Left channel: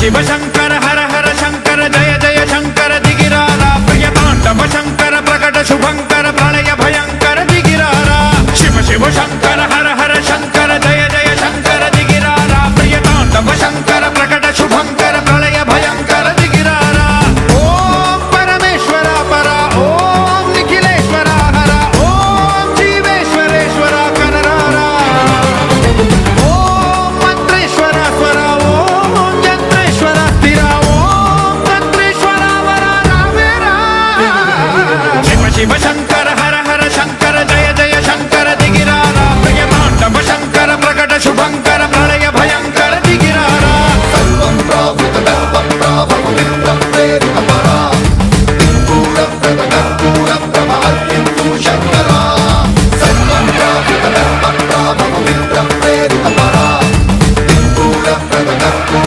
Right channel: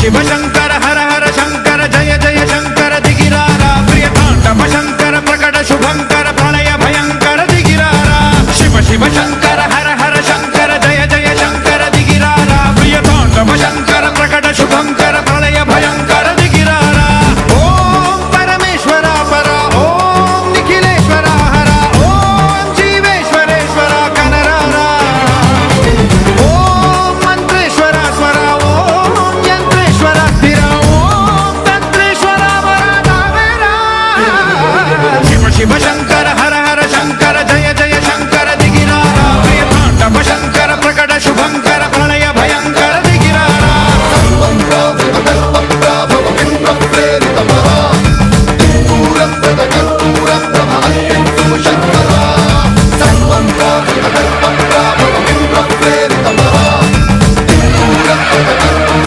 शिव शंकर हर हर शंकर जय जय शंकर दिगिरारा प्रिय तांडव शंकर प्रकट शुभंकर प्रणय भयंकर दिगिरारा शिव शिव शंकर